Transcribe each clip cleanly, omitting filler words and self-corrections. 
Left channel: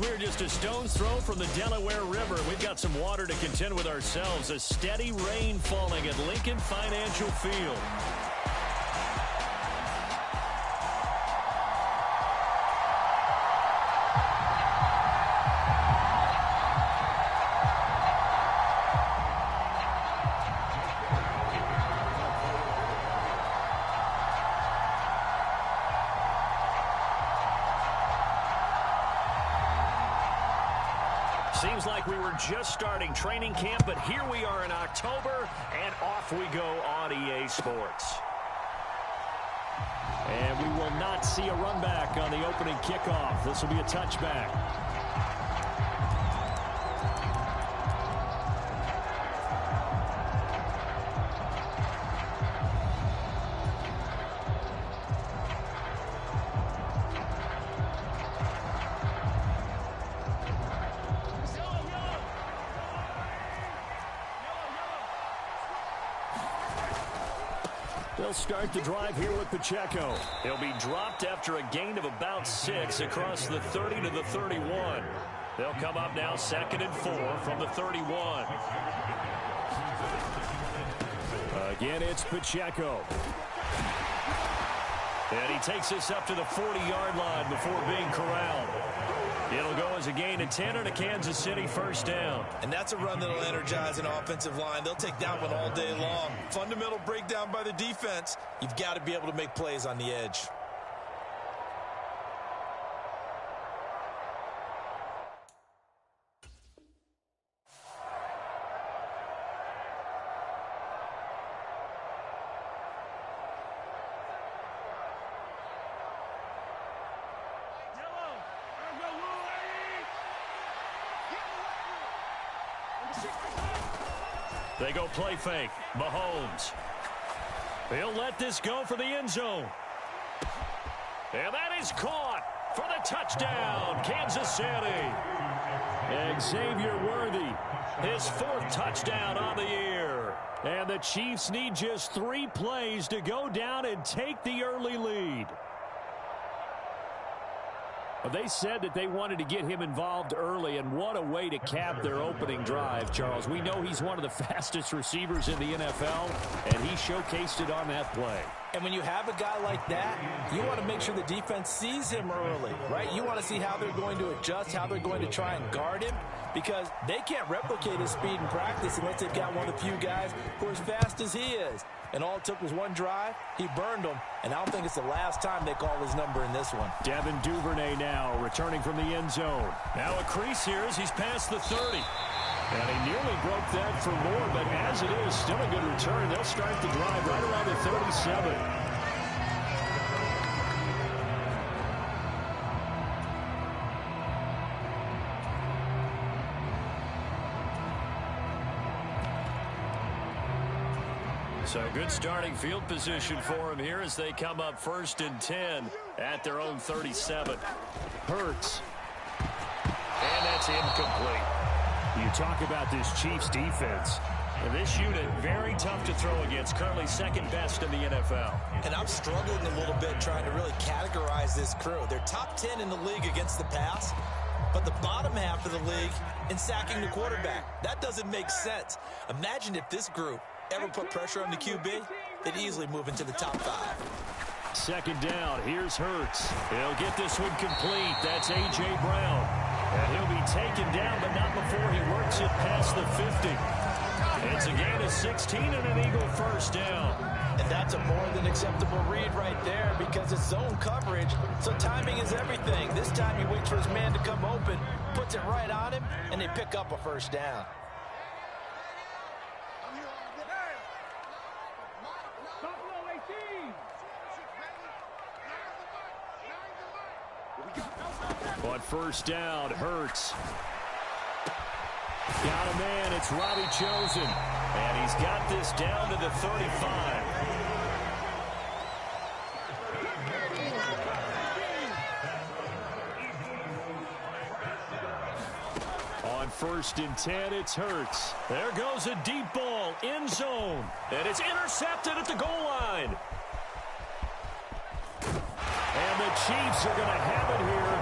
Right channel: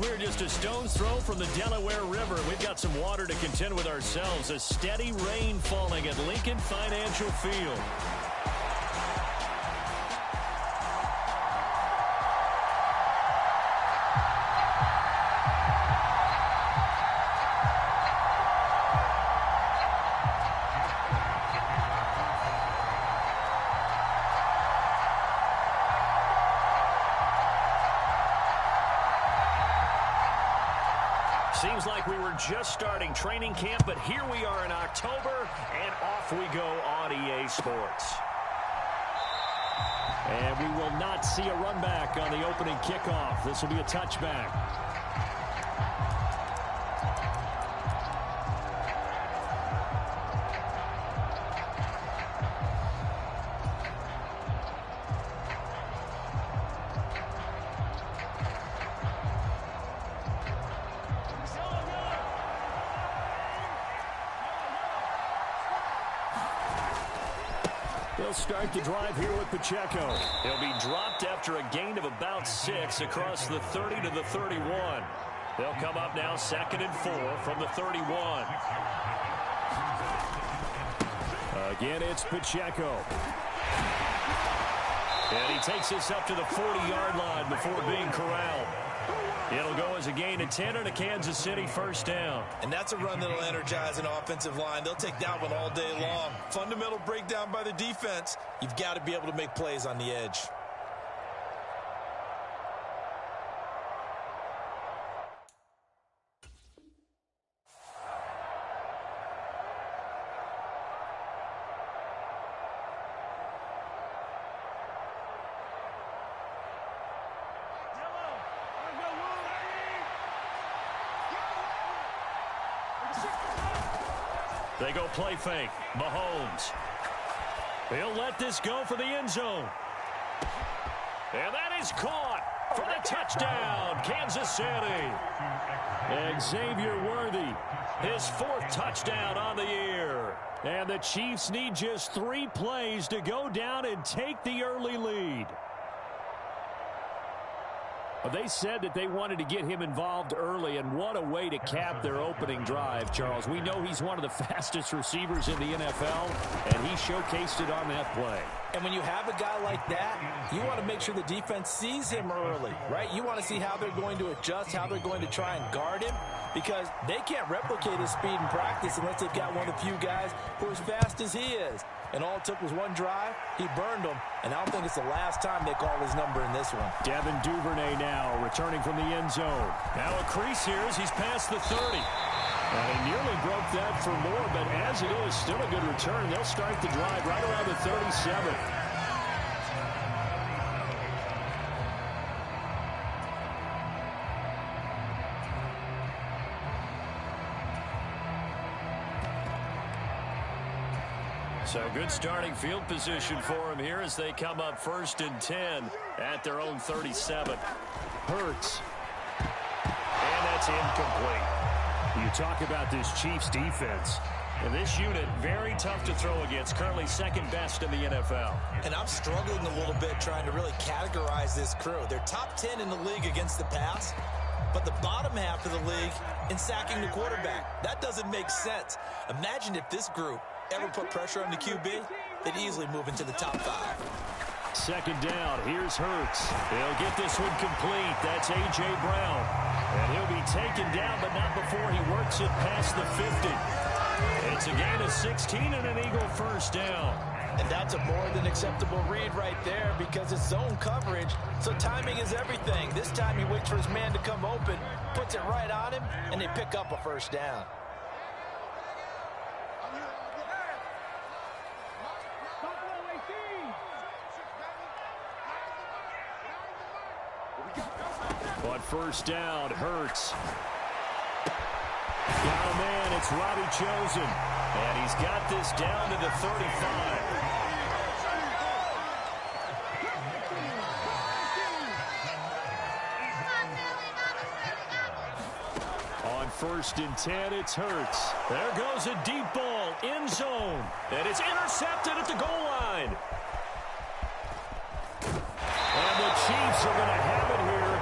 We're just a stone's throw from the Delaware River. We've got some water to contend with ourselves. A steady rain falling at Lincoln Financial Field. Seems like we were just starting training camp, but here we are in October, and off we go on EA Sports. And we will not see a run back on the opening kickoff. This will be a touchback. They'll start the drive here with Pacheco. He'll be dropped after a gain of about 6 across the 30 to the 31. They'll come up now 2nd and 4 from the 31. Again, it's Pacheco. And he takes this up to the 40-yard line before being corralled. It'll go as a gain of 10 and a Kansas City first down. And that's a run that'll energize an offensive line. They'll take that one all day long. Fundamental breakdown by the defense. You've got to be able to make plays on the edge. They go play fake. Mahomes. He'll let this go for the end zone. And that is caught for the touchdown, Kansas City. Xavier Worthy, his 4th touchdown on the year. And the Chiefs need just 3 plays to go down and take the early lead. They said that they wanted to get him involved early, and what a way to cap their opening drive, Charles. We know he's one of the fastest receivers in the NFL, and he showcased it on that play. And when you have a guy like that, you want to make sure the defense sees him early, right? You want to see how they're going to adjust, how they're going to try and guard him, because they can't replicate his speed in practice unless they've got one of the few guys who are as fast as he is. And all it took was one drive. He burned them, and I don't think it's the last time they call his number in this one. Devin Duvernay now returning from the end zone. Now a crease here as he's past the 30. And he nearly broke that for more, but as it is, still a good return. They'll start the drive right around the 37. So good starting field position for him here as they come up 1st and 10 at their own 37. Hurts. And that's incomplete. You talk about this Chiefs defense. And this unit, very tough to throw against, currently 2nd best in the NFL. And I'm struggling a little bit trying to really categorize this crew. They're top 10 in the league against the pass, but the bottom half of the league in sacking the quarterback. That doesn't make sense. Imagine if this group ever put pressure on the QB, they'd easily move into the top 5. 2nd down, here's Hurts. He'll get this one complete. That's A.J. Brown. And he'll be taken down, but not before he works it past the 50. It's a gain of 16 and an Eagle first down. And that's a more than acceptable read right there because it's zone coverage, so timing is everything. This time he waits for his man to come open, puts it right on him, and they pick up a first down. On 1st down, Hurts. Got a man, it's Robbie Chosen. And he's got this down to the 35. On 1st and 10, it's Hurts. There goes a deep ball, end zone. And it's intercepted at the goal line. And the Chiefs are going to have it here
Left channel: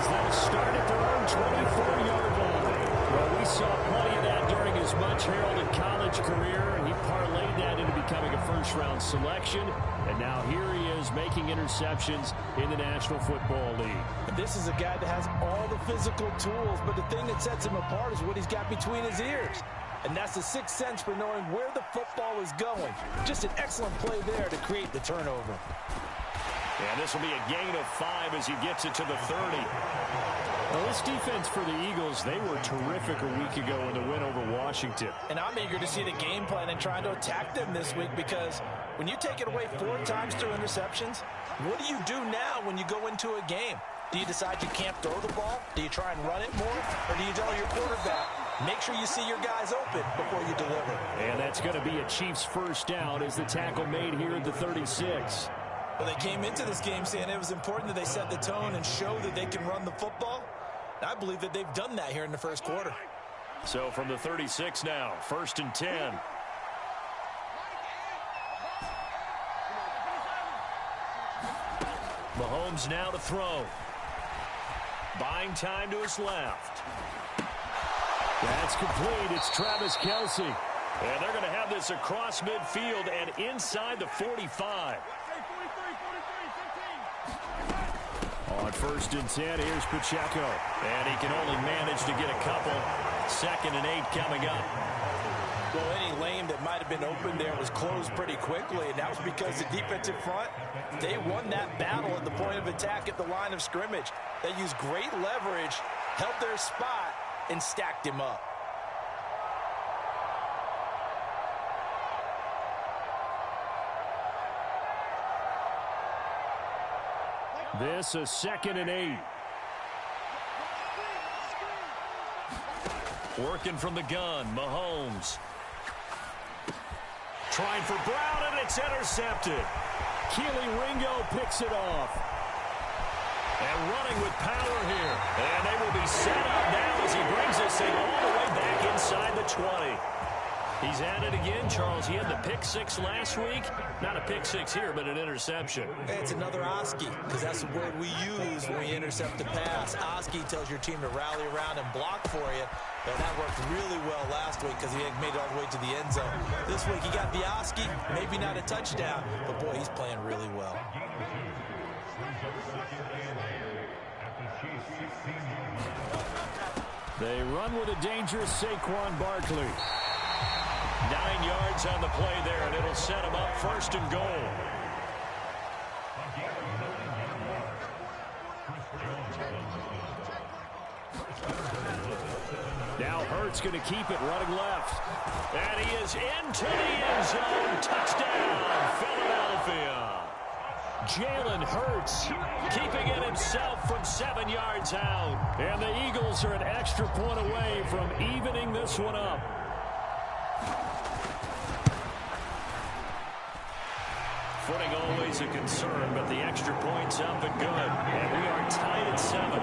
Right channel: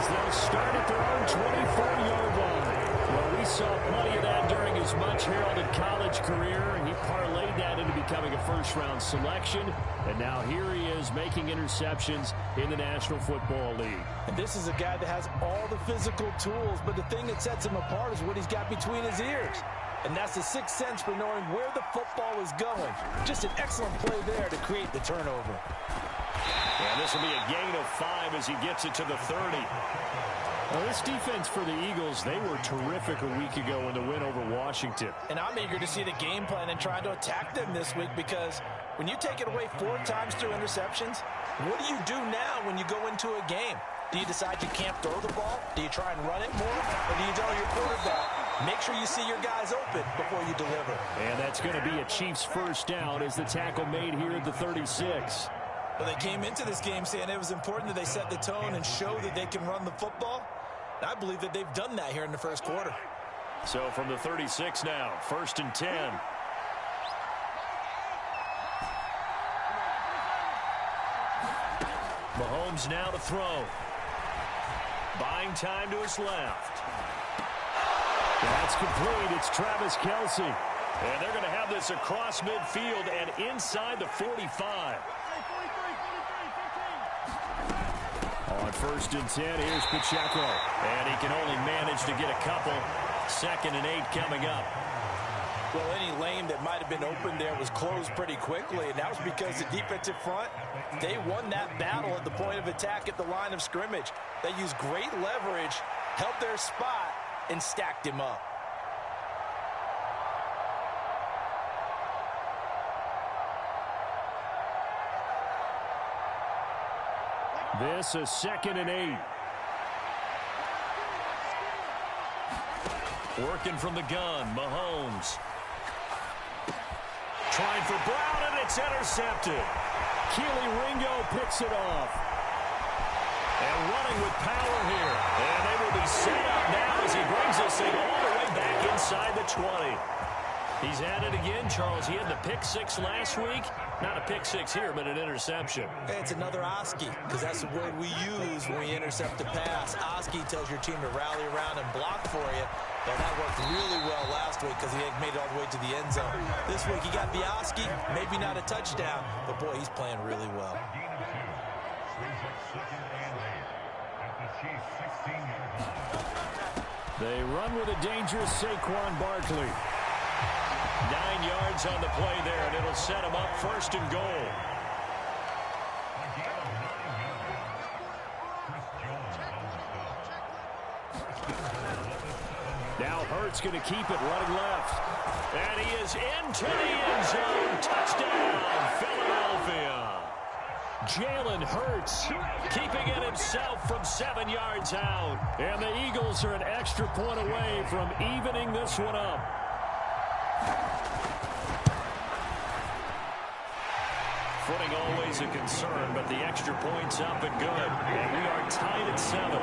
as they'll start at their own 24-yard line. Well, we saw plenty of that during his much-heralded college career, and he parlayed that into becoming a first-round selection. And now here he is making interceptions in the National Football League. And this is a guy that has all the physical tools, but the thing that sets him apart is what he's got between his ears. And that's the sixth sense for knowing where the football is going. Just an excellent play there to create the turnover. And this will be a gain of 5 as he gets it to the 30. Well, this defense for the Eagles, they were terrific a week ago in the win over Washington. And I'm eager to see the game plan and trying to attack them this week, because when you take it away 4 times through interceptions, what do you do now when you go into a game? Do you decide you can't throw the ball? Do you try and run it more? Or do you tell your quarterback, make sure you see your guys open before you deliver? And that's going to be a Chiefs first down as the tackle made here at the 36. Well, they came into this game saying it was important that they set the tone and show that they can run the football. I believe that they've done that here in the first quarter. So from the 36 now, 1st and 10. Mahomes now to throw. Buying time to his left. That's complete. It's Travis Kelce. And they're going to have this across midfield and inside the 45. On 1st and 10, here's Pacheco. And he can only manage to get a couple. 2nd and 8 coming up. Well, any lane that might have been open there was closed pretty quickly, and that was because the defensive front, they won that battle at the point of attack at the line of scrimmage. They used great leverage, held their spot, and stacked him up. This a 2nd and 8. Working from the gun, Mahomes. Trying for Brown, and it's intercepted. Keely Ringo picks it off. And running with power here. And they will be set up now as he brings this thing all the way back inside the 20. He's at it again, Charles. He had the pick 6 last week. Not a pick 6 here, but an interception. It's another Oski, because that's the word we use when we intercept the pass. Oski tells your team to rally around and block for you. But that worked really well last week because he made it all the way to the end zone. This week he got the Oski, maybe not a touchdown, but boy, he's playing really well. They run with a dangerous Saquon Barkley. 9 yards on the play there, and it'll set him up 1st and goal. Now Hurts going to keep it running left. And he is into the end zone. Touchdown, Philadelphia. Jalen Hurts keeping it himself from 7 yards out. And the Eagles are an extra point away from evening this one up. Footing always a concern, but the extra point's up and good. And we are tied at 7.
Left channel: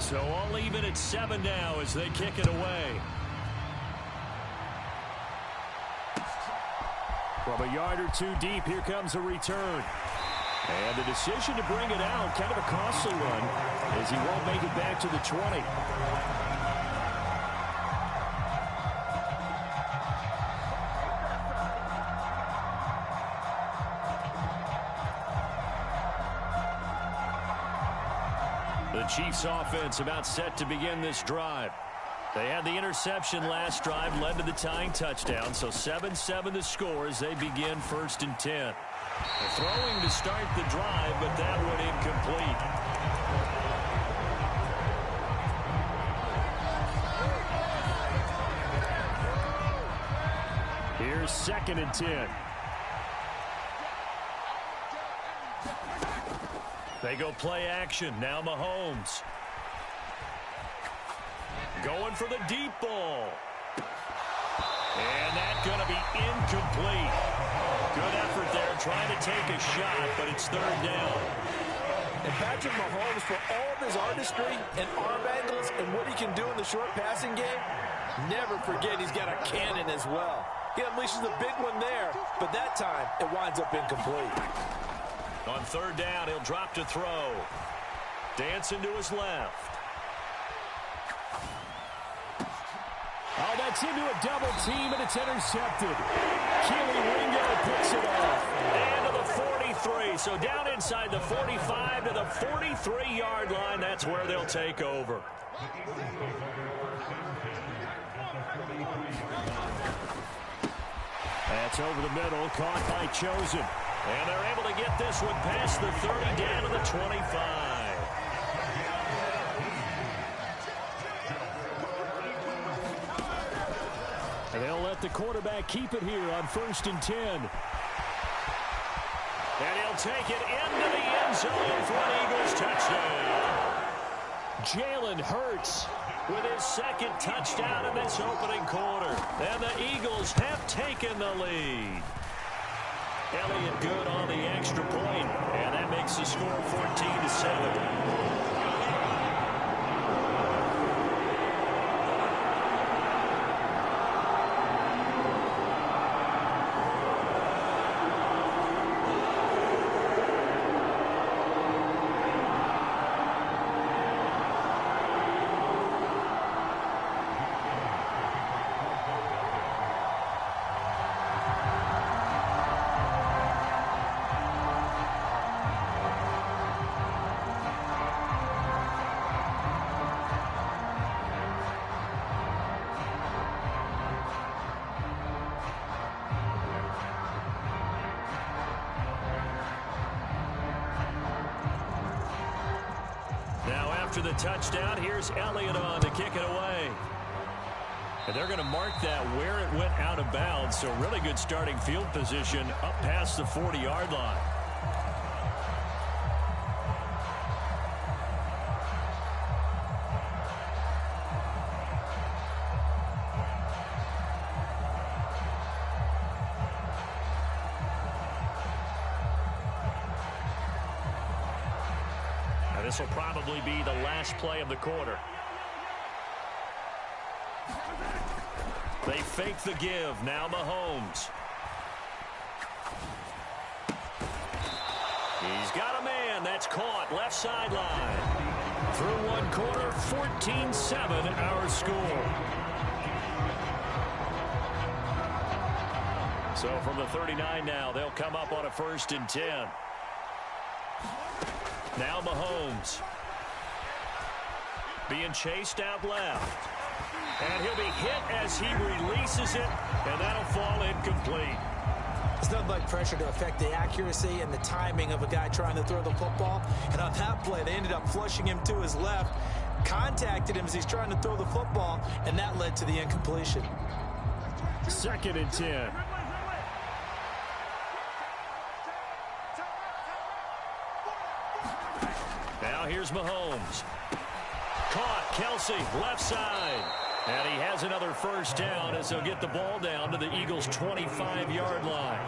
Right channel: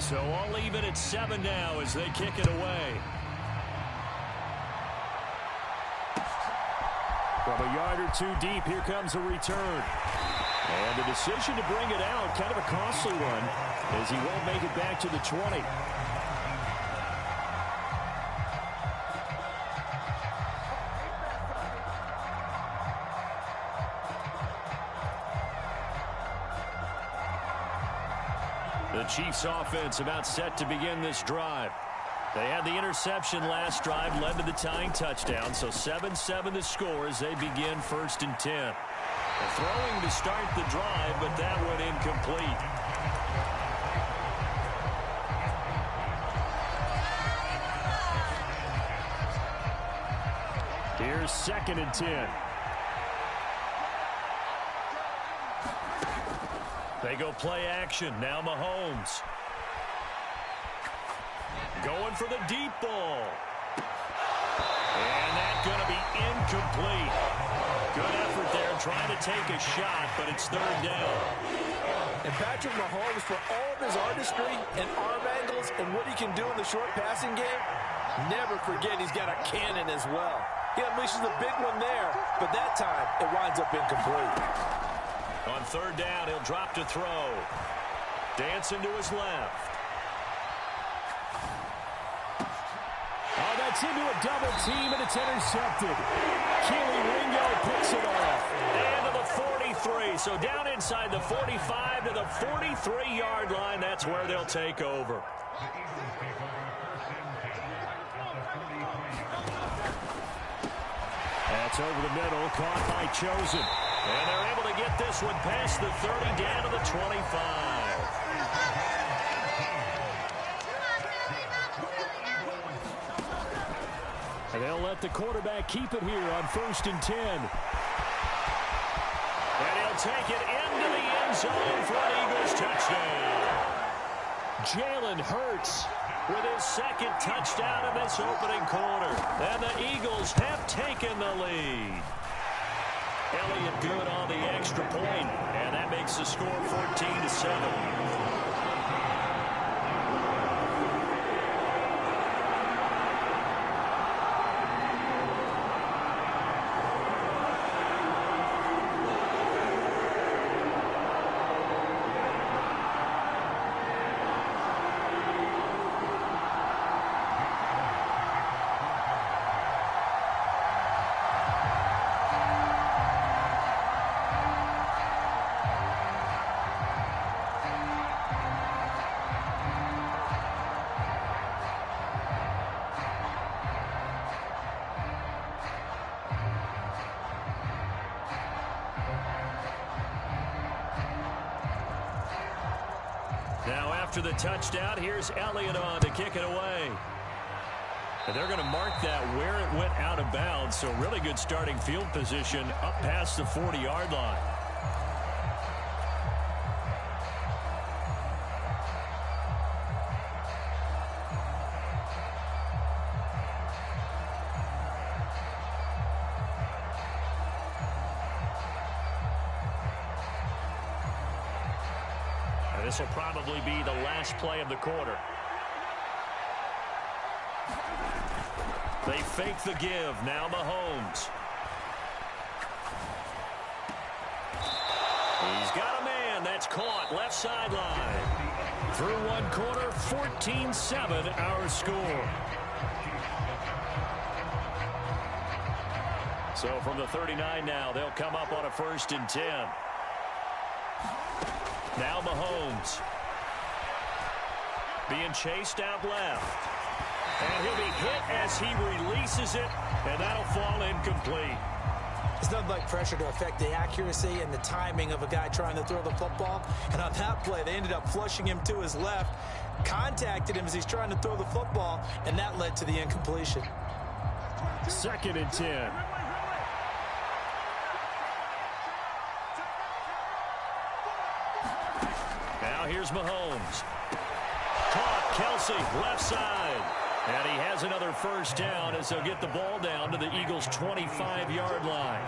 So all even at 7 now as they kick it away. From a yard or 2 deep, here comes a return. And the decision to bring it out, kind of a costly one, as he won't make it back to the 20. The Chiefs offense about set to begin this drive. They had the interception last drive, led to the tying touchdown, so 7-7 the score as they begin 1st and 10. They're throwing to start the drive, but that one incomplete. Here's 2nd and 10. They go play action. Now Mahomes. Going for the deep ball. And that's going to be incomplete. Good effort there trying to take a shot, but it's 3rd down. And Patrick Mahomes, for all of his artistry and arm angles and what he can do in the short passing game, never forget he's got a cannon as well. He unleashes a big one there, but that time it winds up incomplete. On 3rd down, he'll drop to throw. Dancing to his left. Oh, that's into a double team, and it's intercepted. Keely Ringo picks it off. And to the 43. So down inside the 45 to the 43-yard line. That's where they'll take over. That's over the middle, caught by Chosen. And they're able to get this one past the 30 down to the 25. And they'll let the quarterback keep it here on 1st and 10. And he'll take it into the end zone for an Eagles touchdown. Jalen Hurts with his 2nd touchdown in this opening quarter. And the Eagles have taken the lead. Elliott good on the extra point, and that makes the score 14-7. Now after the touchdown, here's Elliott on to kick it away. And they're going to mark that where it went out of bounds. So really good starting field position up past the 40-yard line. This will probably be the last play of the quarter. They fake the give. Now Mahomes. He's got a man. That's caught. Left sideline. Through one quarter, 14-7 our score. So from the 39 now, they'll come up on a 1st and 10. Now Mahomes being chased out left. And he'll be hit as he releases it, and that'll fall incomplete. It's nothing like pressure to affect the accuracy and the timing of a guy trying to throw the football. And on that play, they ended up flushing him to his left, contacted him as he's trying to throw the football, and that led to the incompletion. 2nd and 10. Now here's Mahomes. Caught. Kelsey, left side. And he has another 1st down as they'll get the ball down to the Eagles' 25-yard line.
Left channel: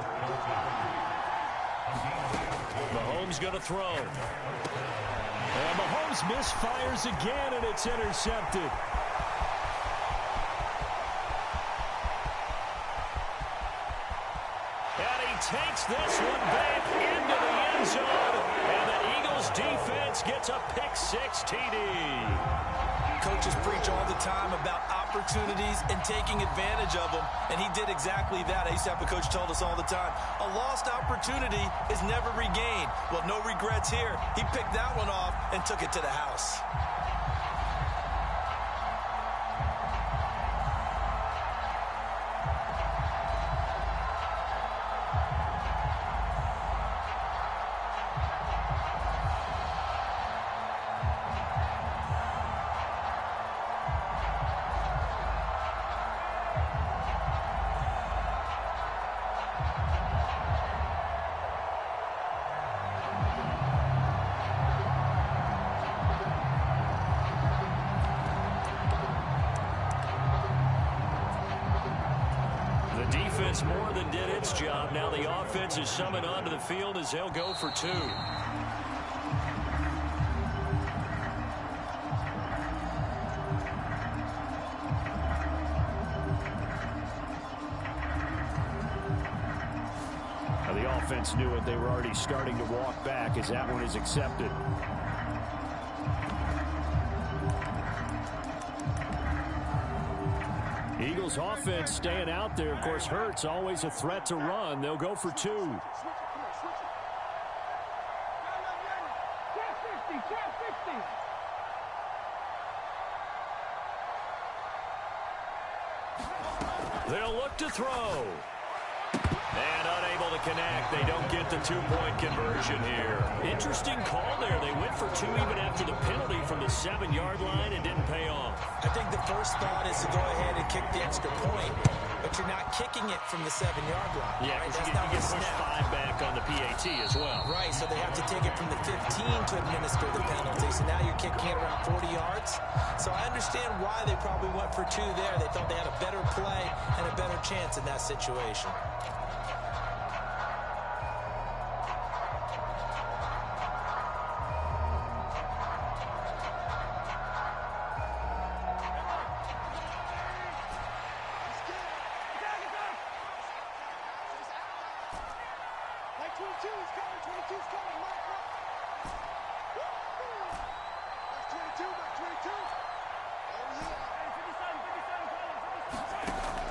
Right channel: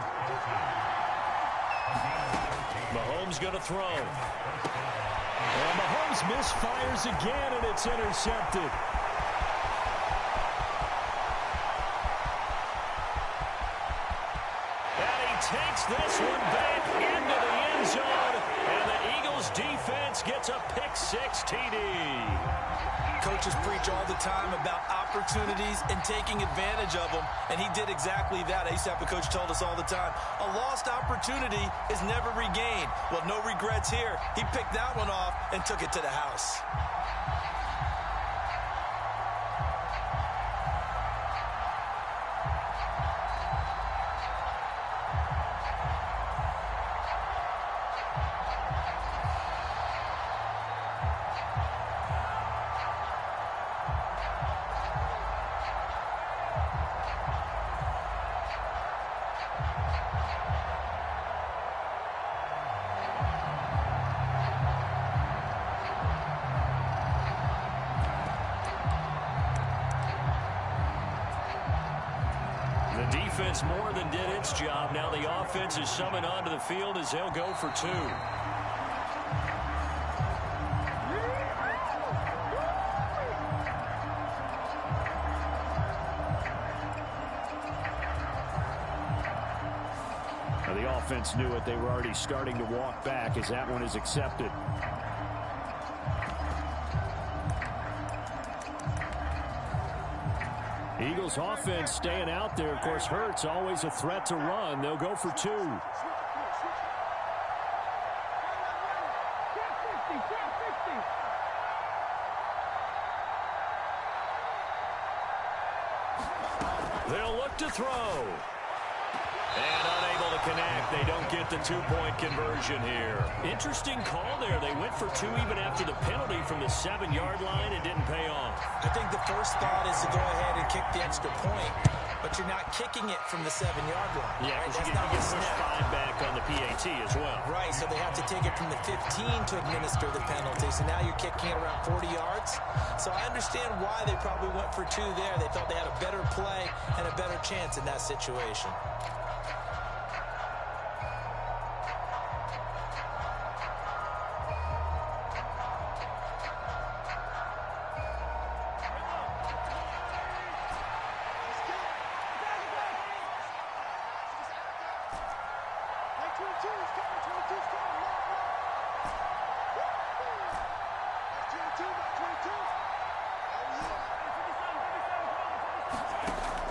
Mahomes going to throw. And Mahomes misfires again, and it's intercepted. And he takes this one back into the end zone. And the Eagles defense gets a pick-6 TD. Coaches preach all the time about opportunities and taking advantage of them, and he did exactly that. I used to have a coach told us all the time, a lost opportunity is never regained. Well, no regrets here. He picked that one off and took it to the house. The defense more than did its job. Now the offense is summoned onto the field as they'll go for two. Now the offense knew it. They were already starting to walk back as that one is accepted. Eagles offense staying out there. Of course, Hurts always a threat to run. They'll go for two. They'll look to throw. And unable to connect. They don't get the two-point conversion here. Interesting call there. They went for two even after the penalty from the 7-yard line and didn't pay off. I think the first thought is to go ahead and kick the extra point, but you're not kicking it from the 7-yard line. Yeah, right? That's you get pushed 5 back on the PAT as well. Right, so they have to take it from the 15 to administer the penalty. So now you're kicking it around 40 yards. So I understand why they probably went for two there. They thought they had a better play and a better chance in that situation.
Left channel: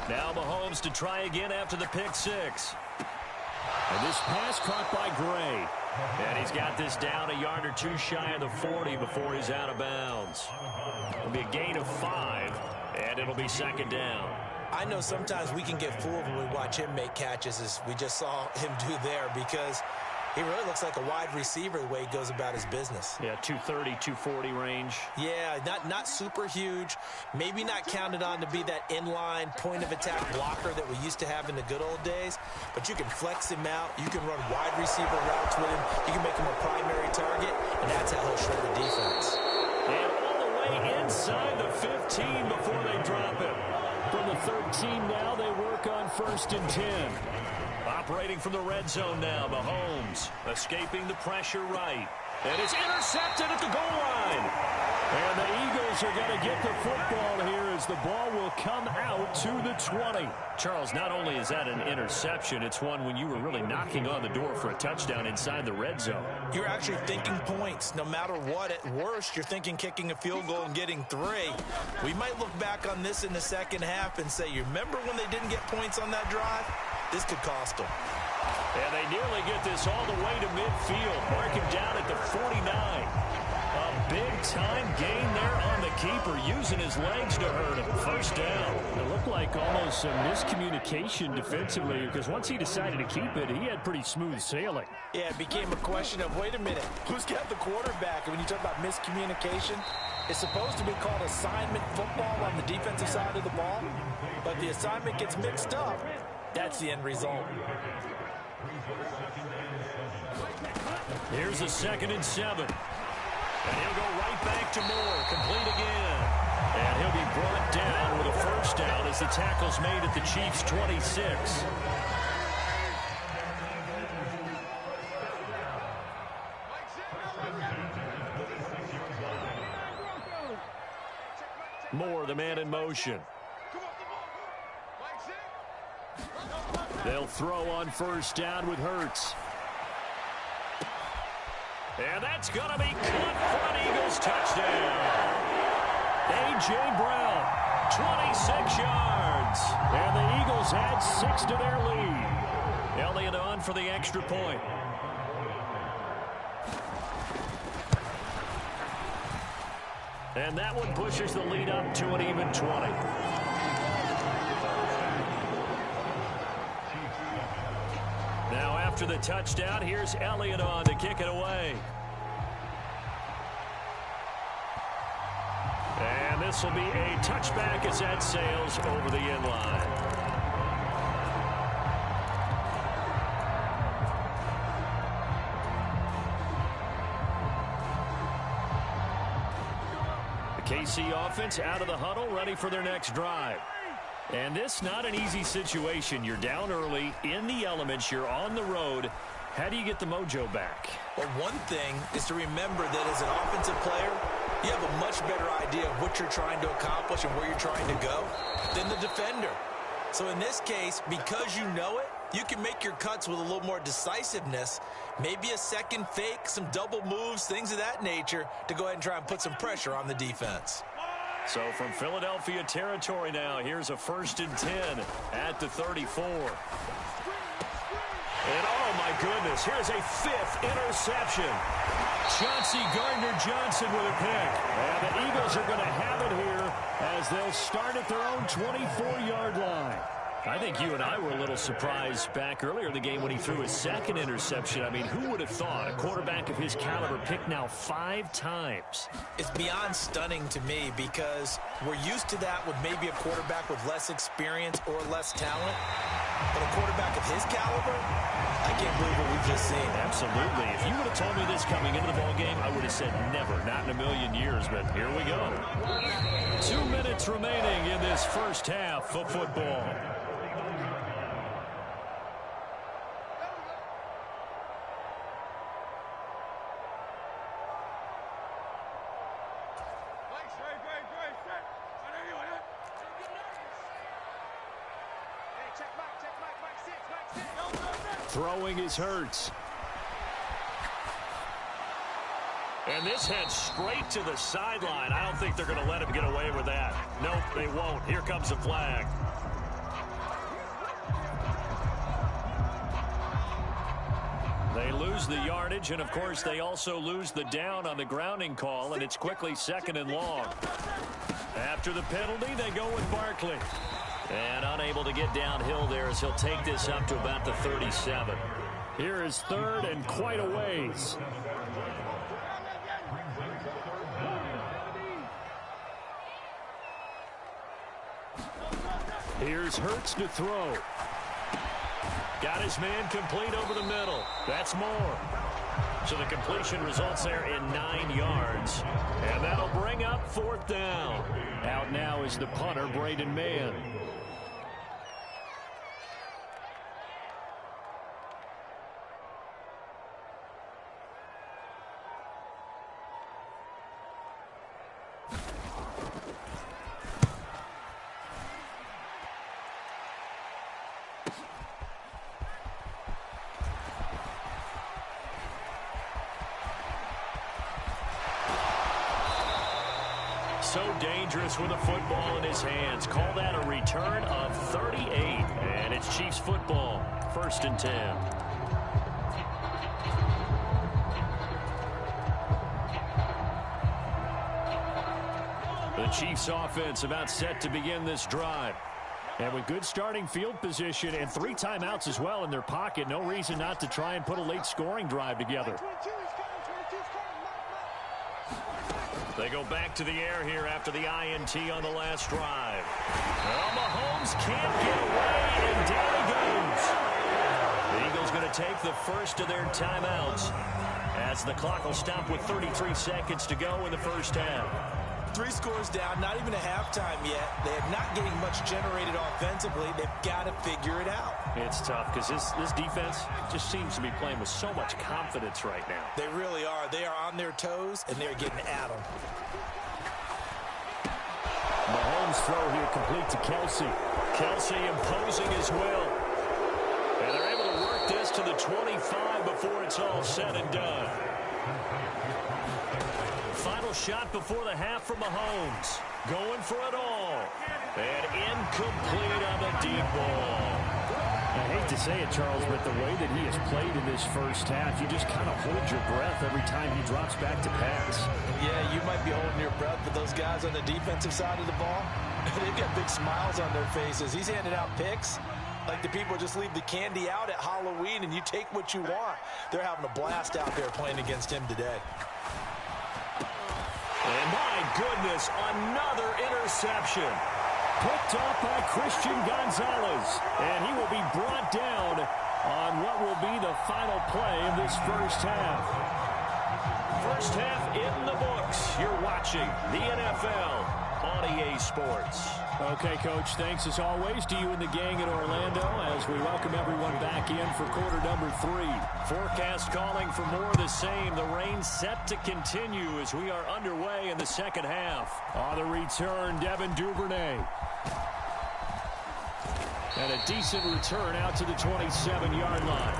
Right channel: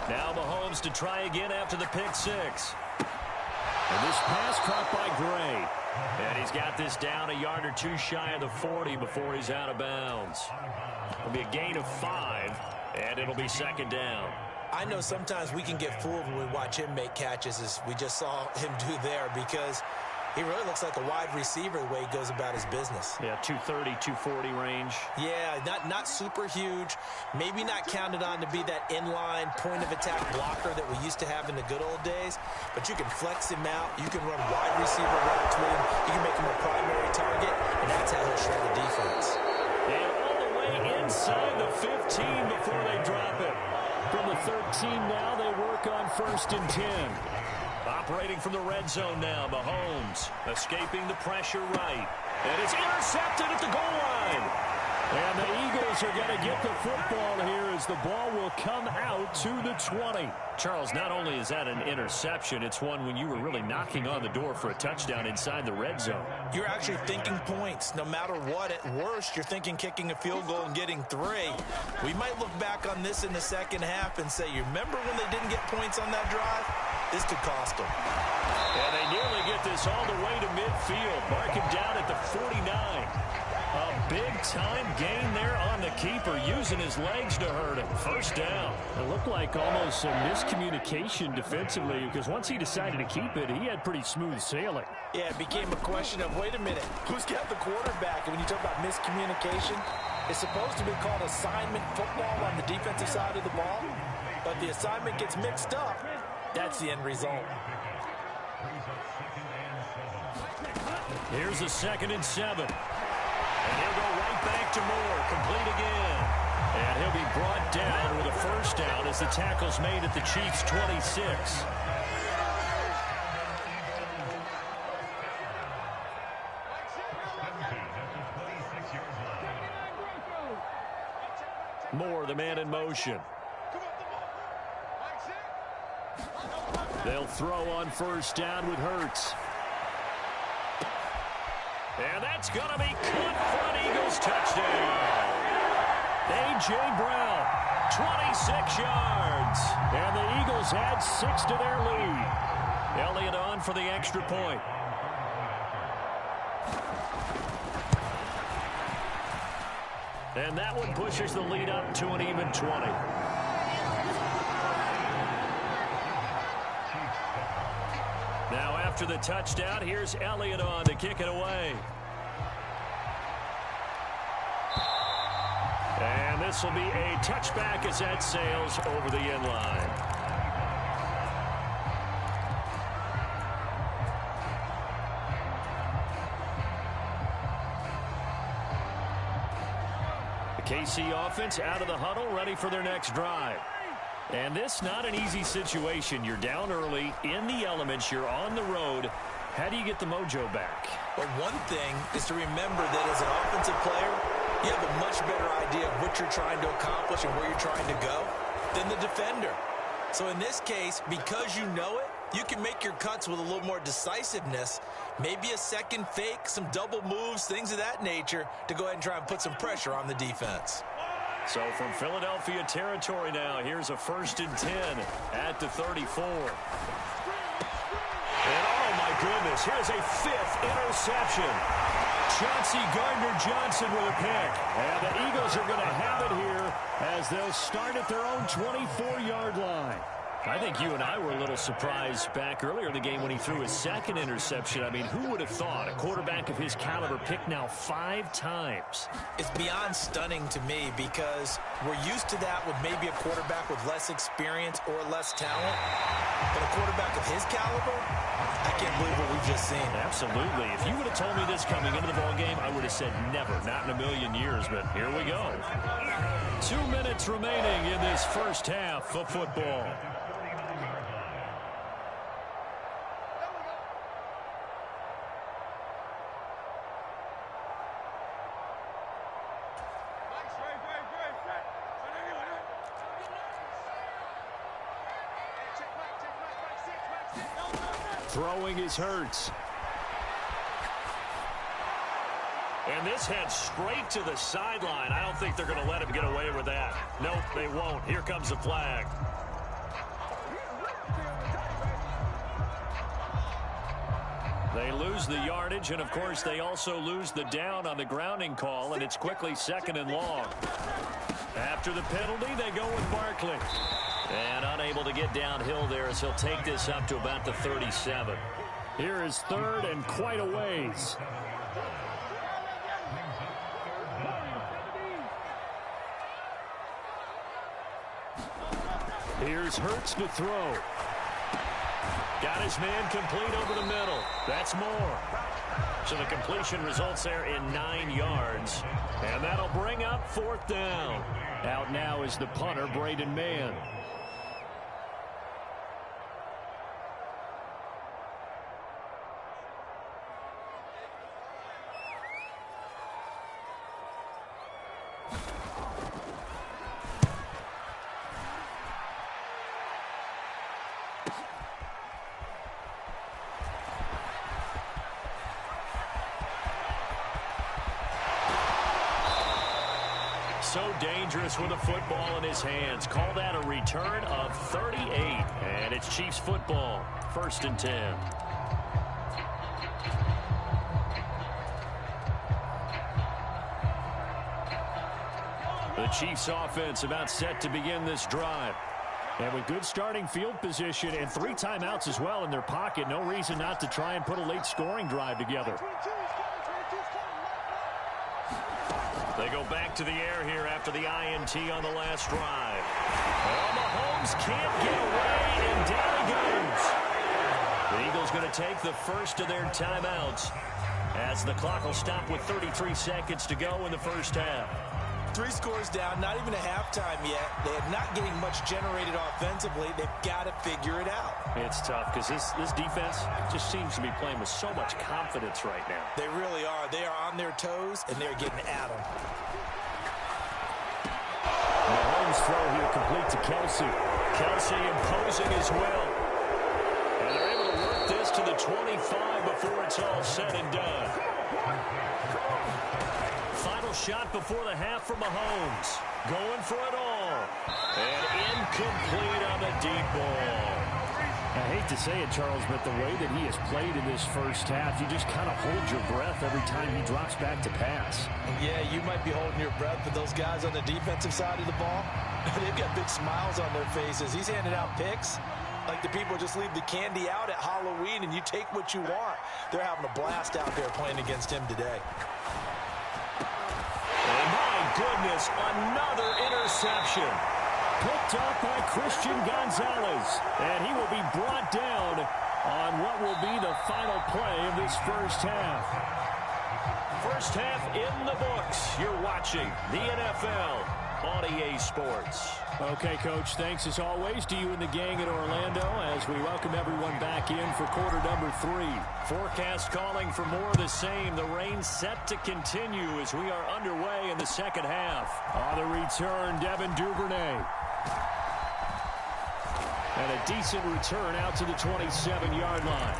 Now Mahomes to try again after the pick six. And this pass caught by Gray. And he's got this down a yard or two shy of the 40 before he's out of bounds. It'll be a gain of 5, and it'll be second down. I know sometimes we can get fooled when we watch him make catches, as we just saw him do there, because he really looks like a wide receiver the way he goes about his business. Yeah, 230, 240 range. Yeah, not super huge. Maybe not counted on to be that inline point-of-attack blocker that we used to have in the good old days. But you can flex him out. You can run wide receiver routes with him. You can make him a primary target, and that's how he'll shred the defense. And all the way inside the 15 before they drop him. From the 13 now, they work on 1st and 10. Operating from the red zone now, Mahomes escaping the pressure right. And it's intercepted at the goal line. And the Eagles are going to get the football here as the ball will come out to the 20. Charles, not only is that an interception, it's one when you were really knocking on the door for a touchdown inside the red zone. You're actually thinking points. No matter what, at worst, you're thinking kicking a field goal and getting 3. We might look back on this in the second half and say, you remember when they didn't get points on that drive? This could cost them. And they nearly get this all the way to midfield. Mark him down at the 49. A big-time gain there on the keeper, using his legs to hurt him. First down. It looked like almost some miscommunication defensively, because once he decided to keep it, he had pretty smooth sailing. Yeah, it became a question of, wait a minute, who's got the quarterback? And when you talk about miscommunication, it's supposed to be called assignment football on the defensive side of the ball, but the assignment gets mixed up. That's the end result. Here's a 2nd and 7. And he'll go right back to Moore, complete again. And he'll be brought down with a first down as the tackle's made at the Chiefs' 26. Moore, the man in motion. They'll throw on first down with Hurts. And that's going to be caught front. Eagles touchdown. A.J. Brown, 26 yards. And the Eagles add 6 to their lead. Elliott on for the extra point. And that one pushes the lead up to an even 20. Now after the touchdown, here's Elliott on to kick it away. And this will be a touchback as that sails over the end line. The KC offense out of the huddle, ready for their next drive. And this not an easy situation. You're down early, in the elements, you're on the road. How do you get the mojo back? Well, one thing is to remember that as an offensive player, you have a much better idea of what you're trying to accomplish and where you're trying to go than the defender. So in this case, because you know it, you can make your cuts with a little more decisiveness, maybe a second fake, some double moves, things of that nature, to go ahead and try and put some pressure on the defense. So from Philadelphia territory now, here's a 1st and 10 at the 34. And oh my goodness, here's a 5th interception. Chauncey Gardner-Johnson with a pick. And the Eagles are going to have it here as they'll start at their own 24-yard line. I think you and I were a little surprised back earlier in the game when he threw his 2nd interception. I mean, who would have thought a quarterback of his caliber picked now 5 times? It's beyond stunning to me because we're used to that with maybe a quarterback with less experience or less talent. But a quarterback of his caliber, I can't believe what we've just seen. Absolutely. If you would have told me this coming into the ballgame, I would have said never, not in a million years. But here we go. 2 minutes remaining in this first half of football. Throwing is Hurts. And this heads straight to the sideline. I don't think they're going to let him get away with that. Nope, they won't. Here comes the flag. They lose the yardage, and of course they also lose the down on the grounding call, and it's quickly 2nd and long. After the penalty, they go with Barkley. And unable to get downhill there as he'll take this up to about the 37. Here is 3rd and quite a ways. Here's Hurts to throw. Got his man complete over the middle. That's more. So the completion results there in 9 yards. And that'll bring up 4th down. Out now is the punter, Braden Mann. So dangerous with a football in his hands. Call that a return of 38. And it's Chiefs football. 1st and 10. The Chiefs offense about set to begin this drive. And with good starting field position and 3 timeouts as well in their pocket, no reason not to try and put a late scoring drive together. They go back to the air here after the INT on the last drive. Well, Mahomes can't get away, and down he goes. The Eagles going to take the first of their timeouts as the clock will stop with 33 seconds to go in the first half. 3 scores down, not even a halftime yet. They are not getting much generated offensively. They've got to figure it out. It's tough because this defense just seems to be playing with so much confidence right now. They really are. They are on their toes, and they're getting at them. Mahomes' throw here complete to Kelsey. Kelsey imposing his will. And they're able to work this to the 25 before it's all said and done. Final shot before the half from Mahomes. Going for it all. And incomplete on the deep ball. I hate to say it, Charles, but the way that he has played in this first half, you just kind of hold your breath every time he drops back to pass. Yeah, you might be holding your breath, but those guys on the defensive side of the ball, they've got big smiles on their faces. He's handing out picks like the people just leave the candy out at Halloween and you take what you want. They're having a blast out there playing against him today. And my goodness, another interception. Picked up by Christian Gonzalez. And he will be brought down on what will be the final play of this first half. First half in the books. You're watching the NFL on EA Sports. Okay, Coach, thanks as always to you and the gang at Orlando as we welcome everyone back in for quarter number 3. Forecast calling for more of the same. The rain set to continue as we are underway in the second half. On the return, Devin Duvernay. And a decent return out to the 27-yard line.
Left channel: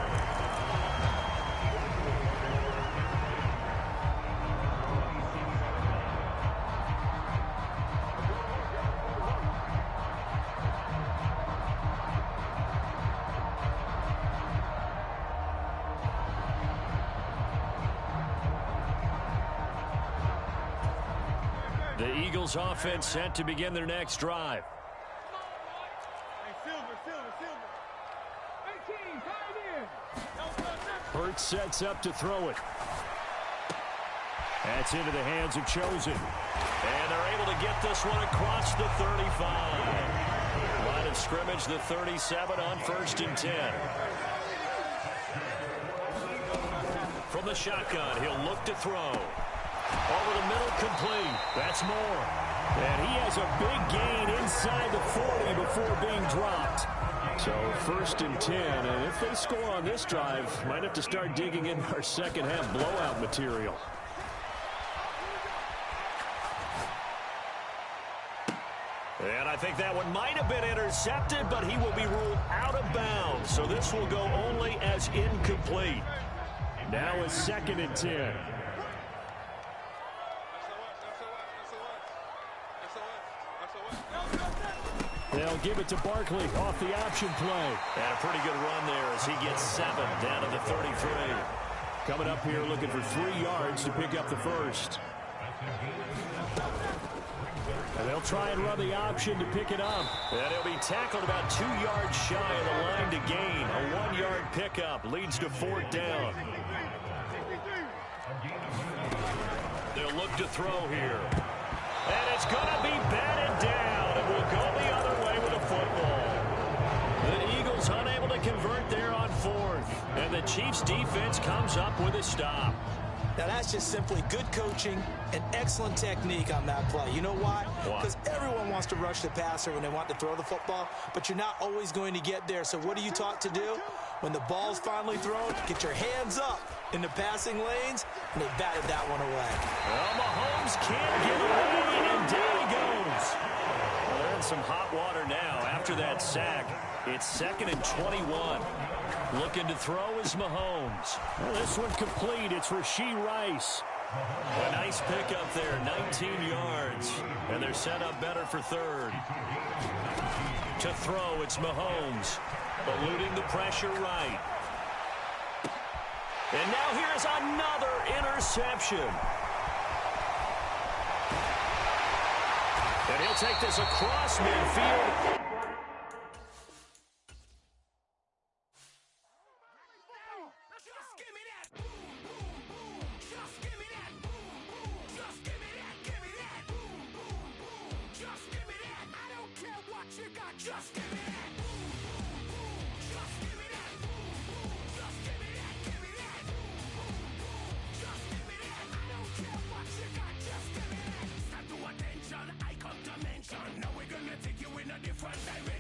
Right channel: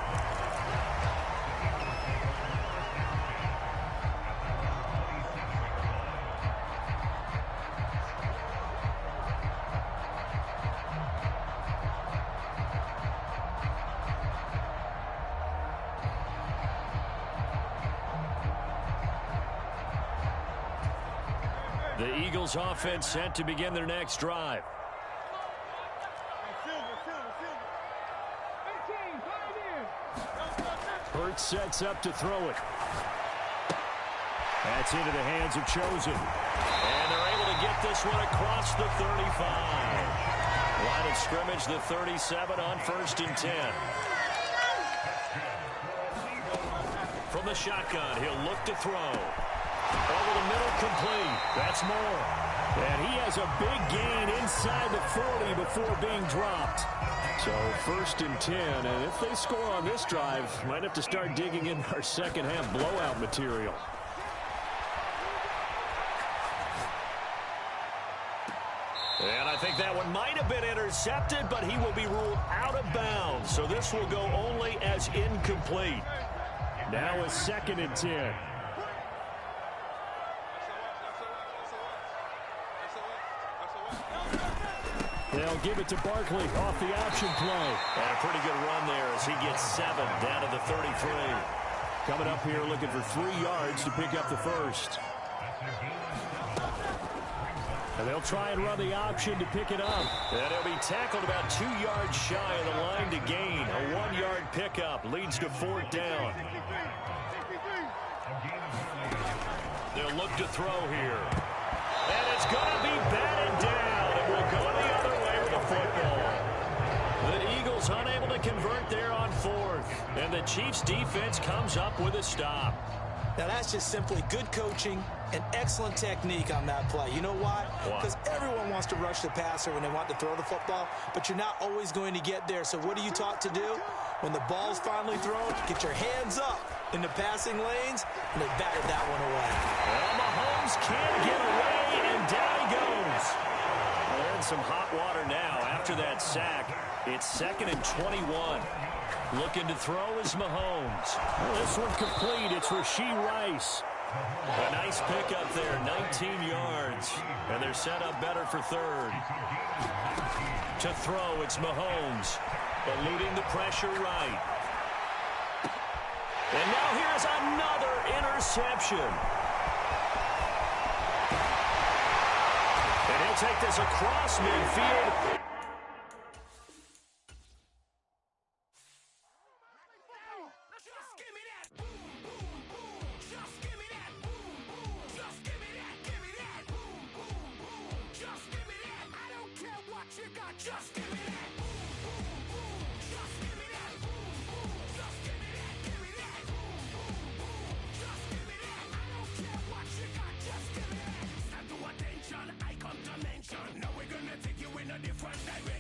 The Eagles offense set to begin their next drive. Hurts sets up to throw it. That's into the hands of Chosen. And they're able to get this one across the 35. Line of scrimmage, the 37 on 1st and 10. From the shotgun, he'll look to throw. Over the middle, complete. That's more. And he has a big gain inside the 40 before being dropped. So 1st and 10, and if they score on this drive, might have to start digging in our second half blowout material. And I think that one might have been intercepted, but he will be ruled out of bounds. So this will go only as incomplete. Now a 2nd and 10. They'll give it to Barkley off the option play. And a pretty good run there as he gets 7 down to the 33. Coming up here looking for 3 yards to pick up the first. And they'll try and run the option to pick it up. And he'll be tackled about 2 yards shy of the line to gain. A 1-yard pickup leads to 4th down. They'll look to throw here. And it's going to be batted down. It will go the other way with the football. The Eagles unable to convert there on 4th. And the Chiefs defense comes up with a stop. Now, that's just simply good coaching and excellent technique on that play. You know why? Because everyone wants to rush the passer when they want to throw the football, but you're not always going to get there. So what are you taught to do? When the ball's finally thrown, get your hands up in the passing lanes, and they batted that one away. Well, Mahomes can't get away, and down he goes. Well, they're in some hot water now after that sack. It's 2nd and 21. Looking to throw is Mahomes. Well, this one complete. It's Rashee Rice. A nice pickup there, 19 yards. And they're set up better for 3rd. To throw, it's Mahomes. Eluding the pressure right. And now here is another interception. And he'll take this across midfield. Just give me that. Boom, boom, boom. Just give me that. Boom, boom. Just give me that. Give me that. Boom, boom, boom. Just give me that. I don't care what you got. Just give me that. Stand to attention. I come to mention. Now we're gonna take you in a different direction.